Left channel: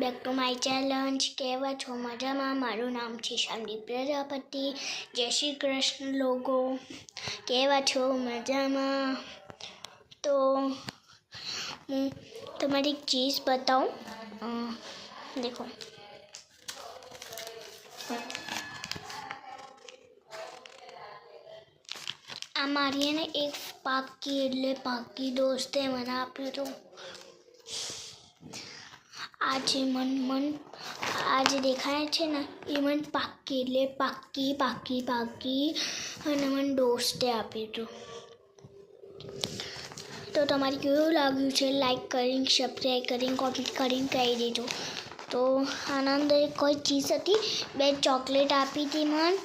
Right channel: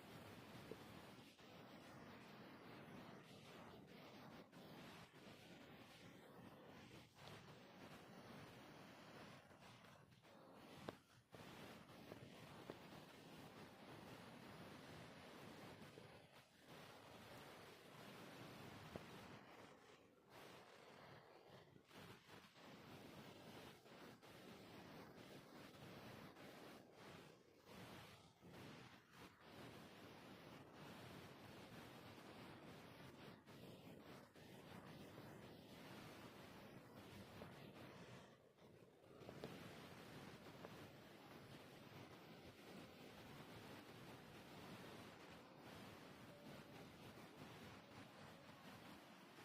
Back to my challenge. કેવા છો? મજામાં? મારું નામ છે શામદીપ પ્રજાપતિ. જય શ્રી કૃષ્ણ લોકો. કેવા છો? મજામાં? તો હું તમારી એક ચીઝ બતાવું. દેખો, આ મારી એને એક પાકી દોસ્તે મને આપ્યું હતું. આ જે દેખાય છે ને એ મને પાકી અને મને દોસ્તે આપ્યું હતું. તો તમારે કેવું લાગ્યું છે? લાઈક કરીને, સબસ્ક્રાઈબ કરીને, કોમેન્ટ કરીને કહી દેજો. તો આના અંદર કોઈ ચીઝ હતી, 2 ચોકલેટ આપી હતી મને,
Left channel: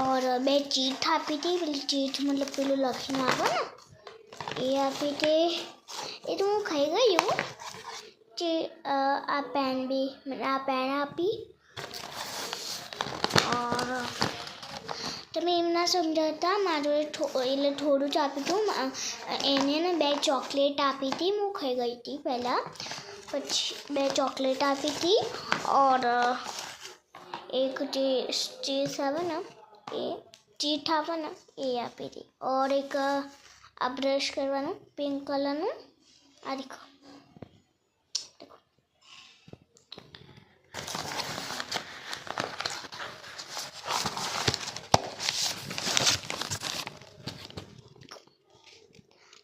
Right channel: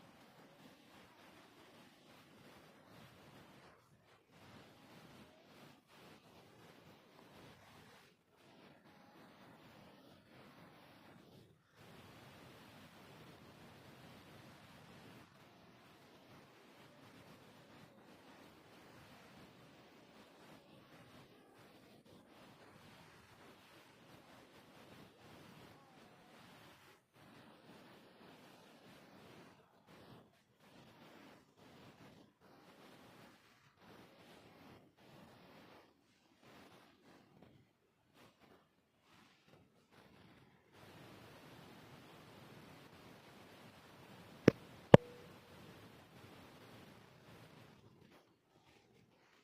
ઓર 2 ચીટ આપી હતી. પેલી ચીટ મતલબ પેલું લખીને આપો ને એ આપી હતી. એ તો હું ખાઈ ગયું. આ પેન આપી. ઓર તમે એમ ના સમજાતા, મારું એટલે થોડું જ આપ્યું હતું. એને ને 2 ચોકલેટ આપી હતી. હું ખાઈ ગઈ હતી પહેલાં. પછી 2 ચોકલેટ આપી હતી. ઓર એક જે ચીઝ આવે ને એ ચીટ આવે ને એ આપી હતી. ઓર એક આ બ્રશ કરવાનું પિંક કલરનું આ દેખો.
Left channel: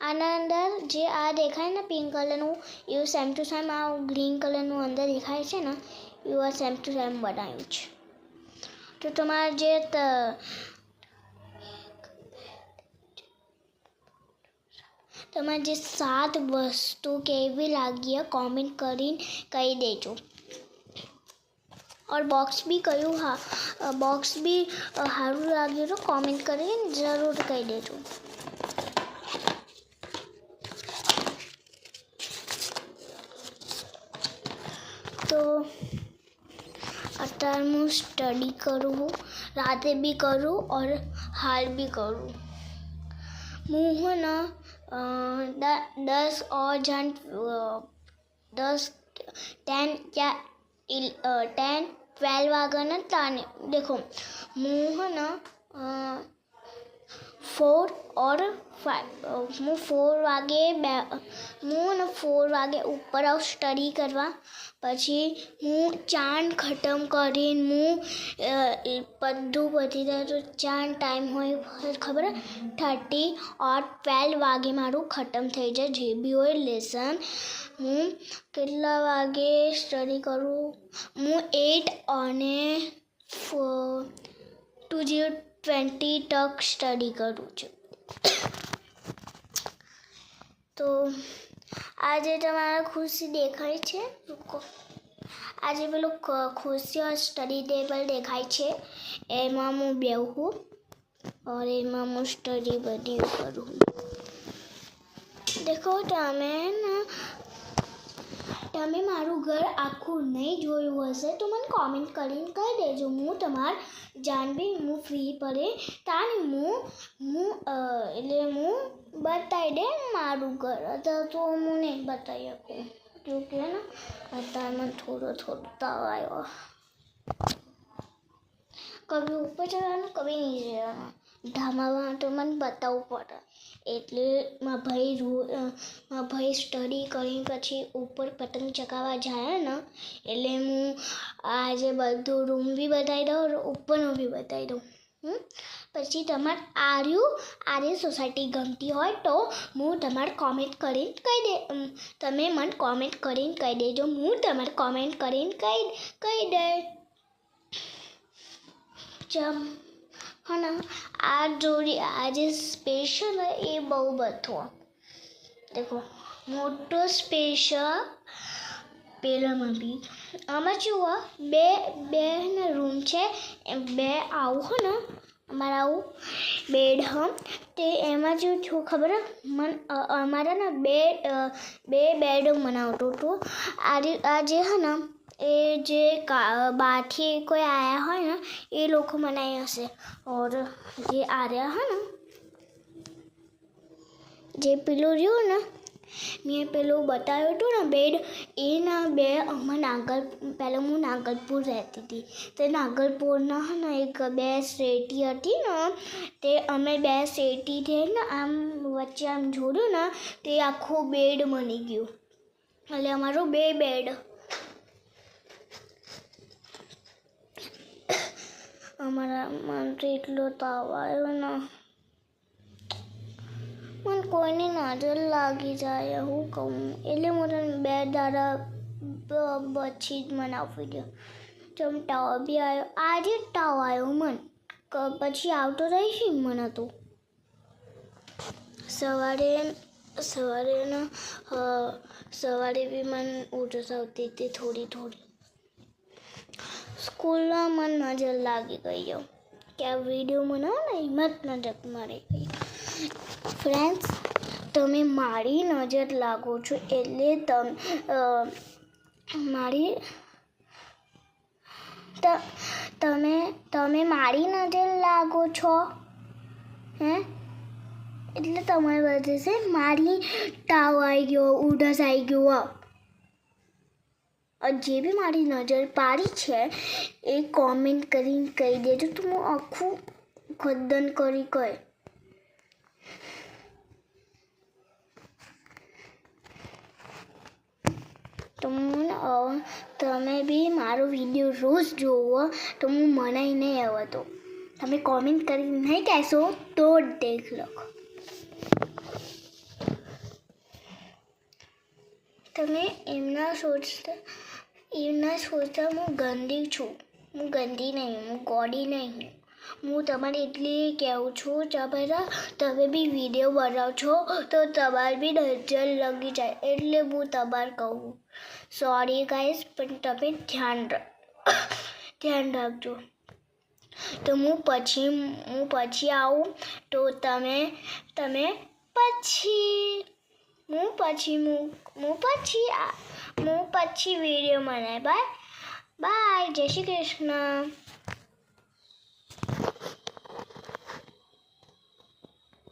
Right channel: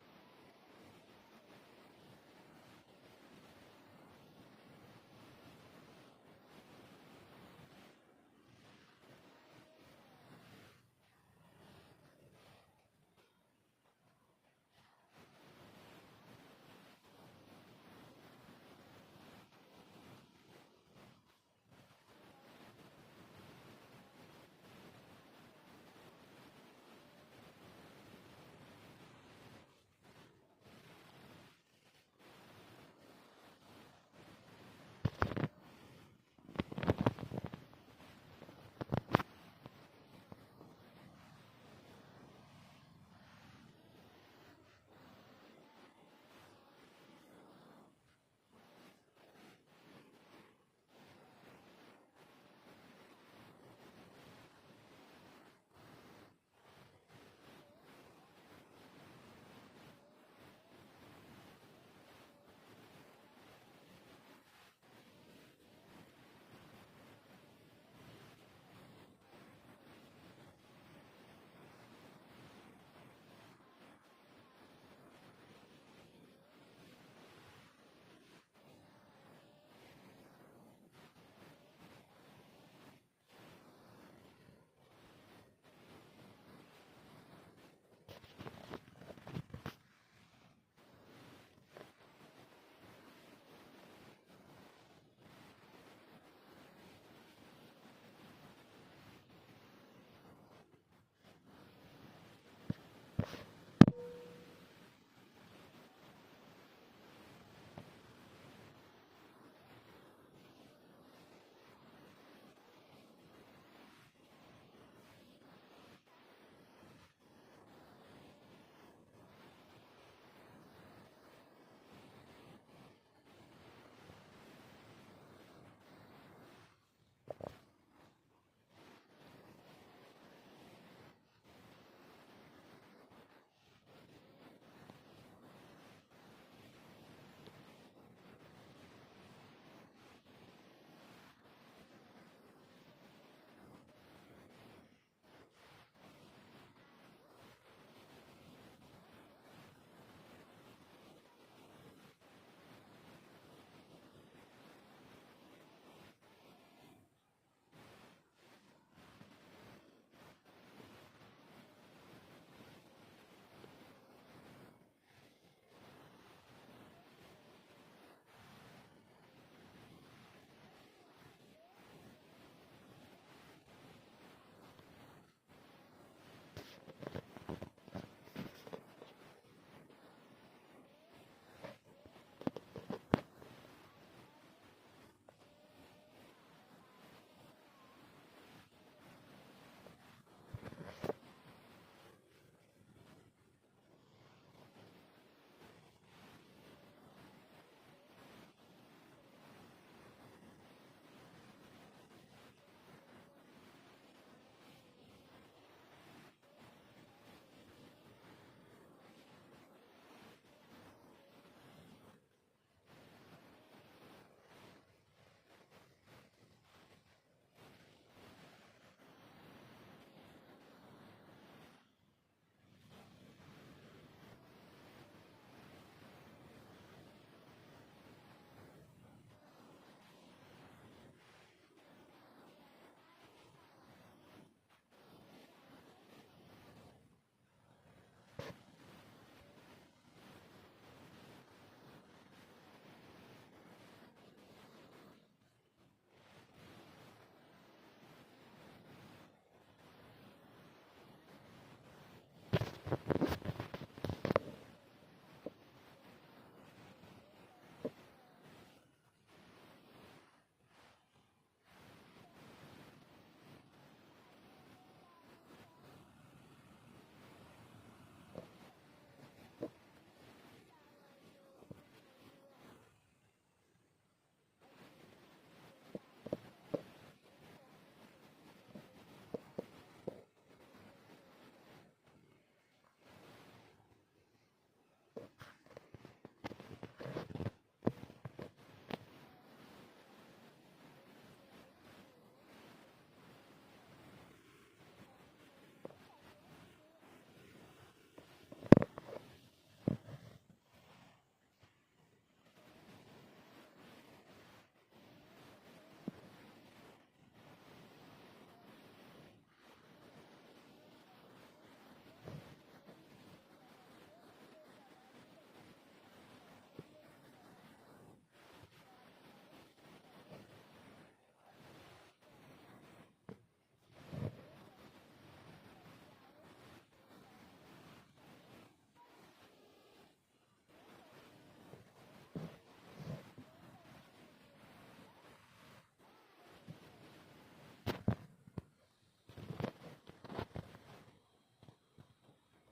આના અંદર જે આ દેખાય ને પિંક કલરનું, એવું સેમ ટુ સેમ આ ગ્રીન કલરનું અંદર દેખાય છે ને એવું આ સેમ ટુ સેમ બનાવ્યું છે. તો તમારે જે તમારે જે 7 વસ્તુ કેવી લાગી કોમેન્ટ કરીને કહી દેજો. और बॉक्स भी कयूँ. हाँ, बॉक्स भी सारू लगे तो कॉमेंट करिए, जरूर कही देજો. तो અત્યારે હું સ્ટડી કરું, રાતે भी करूँ और हाल भी करूँ. હું है ना 10 और 10-12 વાગ્યાના તાને देखो હું है ना 4 और 5 હું 4 વાગે ઉપર આવું સ્ટડી કરવા. પછી હું ચાંદ ખતમ કરીને બધું પતી જાય તો ચાંદ ટાઈમ હોય ખબર 30 और 12 વાગે મારું ખતમ થઈ જાય જે બી હોય લેસન. હું કેટલા વાગે સ્ટડી કરું? હું 8 અને 20 તક સ્ટડી કરું છું. તો આજે તમારા ખુશી દેખાય છે. આજે પેલું ખુશી સ્ટડી ટેબલ દેખાય છે, એમાં હું બેહું और એમાં હું સ્ટડી બધી કરું. દેખો તમે મારું ઘર આખું નહીં જોયું હશે તો મને કોમેન્ટ કરીને કહી દેજો. હું તમારે જાણવી હું ફ્રી પડે તાને હું બતાવી દે મારું ઘર. અત્યારે તો હું નહીં બતાવી શકું જોકે ને અત્યારમાં થોડો તાવ આવ્યો. કभी ઉપર જવાનું કभी નહીં જવાનું. ધામામાં તો મને બતાવવું પડે. એટલે મારા ભાઈ સ્ટડી કરીને પછી ઉપર પતંગ ચગાવવા જાય ને એટલે હું આજે બધું રૂમ બી બતાવી દઉં, ઉપરનું બી બતાવી દઉં. પછી તમારે આર્ય સોસાયટી ગમતી હોય તો હું તમારે કોમેન્ટ કરીને કહી દે. તમે મને કોમેન્ટ કરીને કહી દેજો. હું તમારે કોમેન્ટ કરીને કહી દે. હા ને આ જોડી આજે સ્પેશિયલ એ બહુ બધું દેખો મોટો સ્પેશિયલ પેલામાં બી આમાં જુઓ બે રૂમ છે. 2 આવું હો ને અમારે આવું બેડ તે એમાં જો છું ખબર અમારા ને 2 બેડ બનાવતું હતું. આ જે હે ને એ જે બહારથી કોઈ આવ્યા હોય ને એ લોકો બનાવ્યા હશે. ઓર જે આર્યા હે ને જે પેલું રહ્યું ને મેં પેલું બતાવ્યું હતું ને બેડ એના બે અમારા પહેલાં હું નાગલપુર રહેતી હતી તે નાગલપુરના ને એક બે શેટી હતી ને તે અમે બે શેટી થઈને આમ વચ્ચે આમ જોડ્યું ને તે આખું બેડ બની ગયું એટલે અમારું બે બેડ અમારા મને તો એટલો તાવ આવ્યો ને મને કોઈની નજર લાગી જાય હું કહું એટલે હું તને 2 દાડા પછી જ મને આપી દઉં જેમ તાવ બી આવ્યો આજે જ તાવ આવ્યો મને પછી આવતો રહીશ મને તો સવારે બી મને ઉધરસ આવતી હતી થોડી સ્કૂલમાં મને નજર લાગી ગઈ કે આ વિડીયો બનાવો ને એમાં જ નજર મારી ગઈ ફ્રેન્ડ્સ તમે મારી નજર લાગો છો એટલે તમે મારી નજર લાગો છો હે એટલે તમારી વજહ છે મારી તાવ આવી ગયો ઉધરસ આવી ગયો જે બી મારી નજર પાડી છે એ કોમેન્ટ કરીને કહી દેજો તો હું આખું ખદ્દન કરી કહે તમે બી મારો વિડીયો રોજ જોવો તો હું મનાઈ નહીં આવતો તમે કોમેન્ટ કરી નહીં કહેશો તો દેખ લો તમે એમના સોચતા હું ગંદી છું હું ગંદી નહીં હું ગોડી નહીં હું તમારે એટલી કહેવું છું તમે બી વિડીયો બનાવો છો તો તમારે બી નજર લાગી જાય એટલે હું તમારે કહું સોરી ગાઈસ પણ તમે ધ્યાન રાખજો તો હું પછી આવું તો તમે હું પછી વિડીયો બનાય બાય જય શ્રી કૃષ્ણ